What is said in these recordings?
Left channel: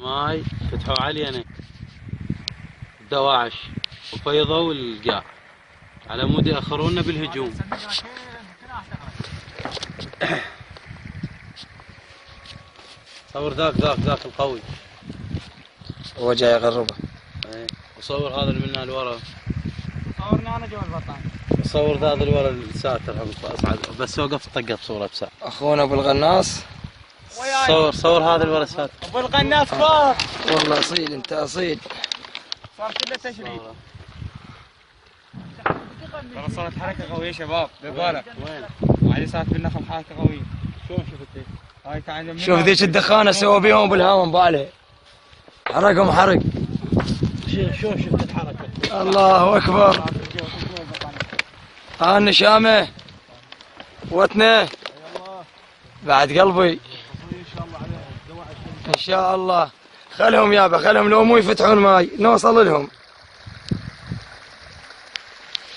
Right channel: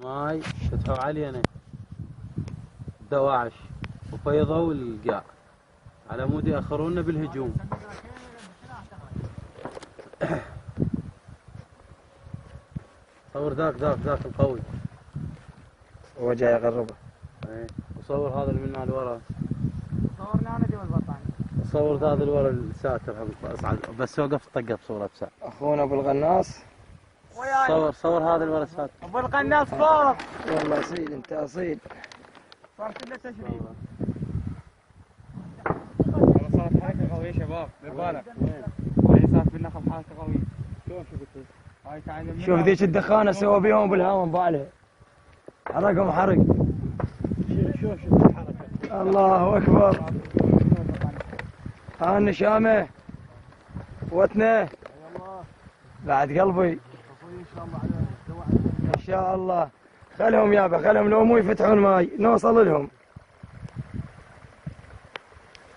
ماي فتحوا علينا دواعش وفيضوا القاع على مود يأخرونا بالهجوم. صور ذاك القوي هو جاي يغربه. ايه وصور هذا اللي منا الورا. صورني انا جو البطان. صور ذا اللي ورا الساتر بس وقف طقه بصوره بساعة. اخونا ابو الغناص. صور هذا اللي ورا الساتر. ابو القناص فوق. والله اصيل انت اصيل. صارت له تشريد. والله صارت حركه قويه شباب بالك. وين؟ صارت بالنخل حركه قويه. شلون شفت؟ هاي تعال شوف ذيك الدخانه سوى بيهم ابو الهام بالي. حرقهم حرق. شلون شفت الحركه؟ الله اكبر. النشامه وتنه بعد قلبي ان شاء الله. خلهم يابا خلهم، لو مو يفتحون ماي نوصل لهم،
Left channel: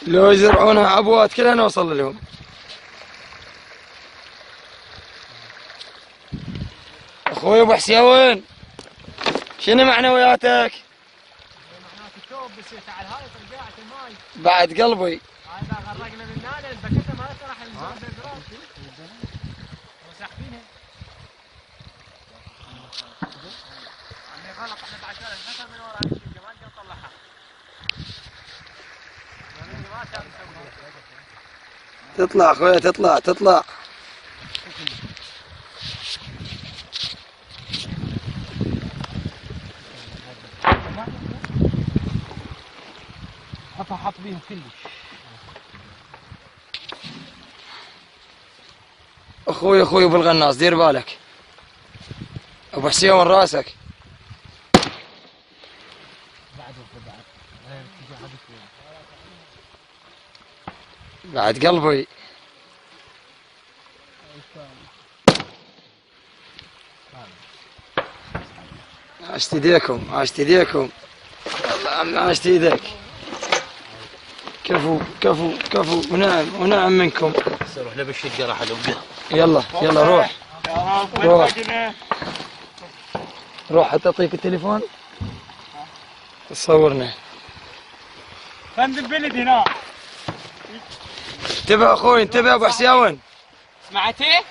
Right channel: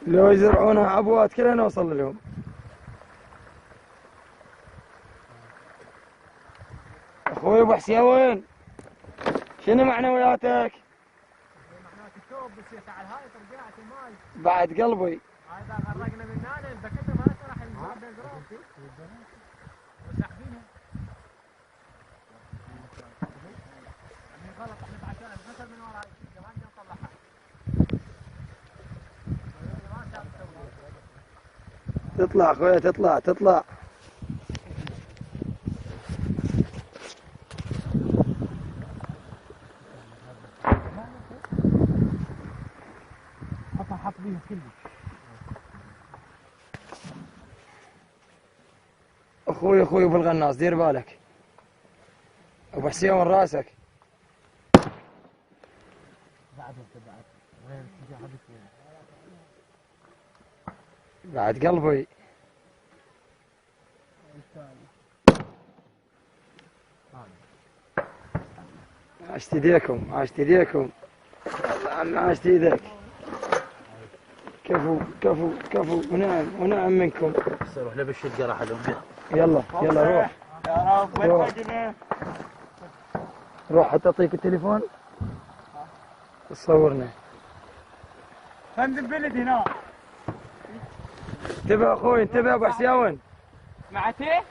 لو يزرعونها عبوات كلها نوصل لهم. اخوي ابو حسين شنو معنوياتك؟ معناته الثوب بس تعال هاي طرقعت الماي بعد قلبي. هذا غرقنا من هنا البكته ما راح نزرع بالقراب وساحبينها. غلط احنا بعد الحسن من ورا هالشيء ما نقدر نطلعها. تطلع اخويا تطلع. حط بيهم كلش. اخوي ابو الغناص دير بالك. ابو حسين وين راسك؟ بعد غير اتجاه بعد قلبي. عاشت ايديكم والله عم عاشت ايديك. كفو ونعم منكم. روح له بالشقه راح ادق. يلا روح حتى اعطيك التليفون تصورنا. خندم بلد هنا. انتبه اخوي انتبه ابو حسين.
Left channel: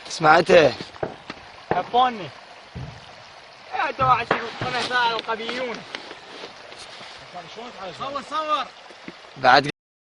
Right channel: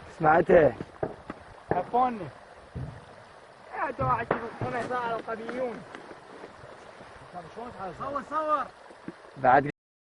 سمعته؟ كفوني. يا دواعش الخنثاء القبيلون. صور بعد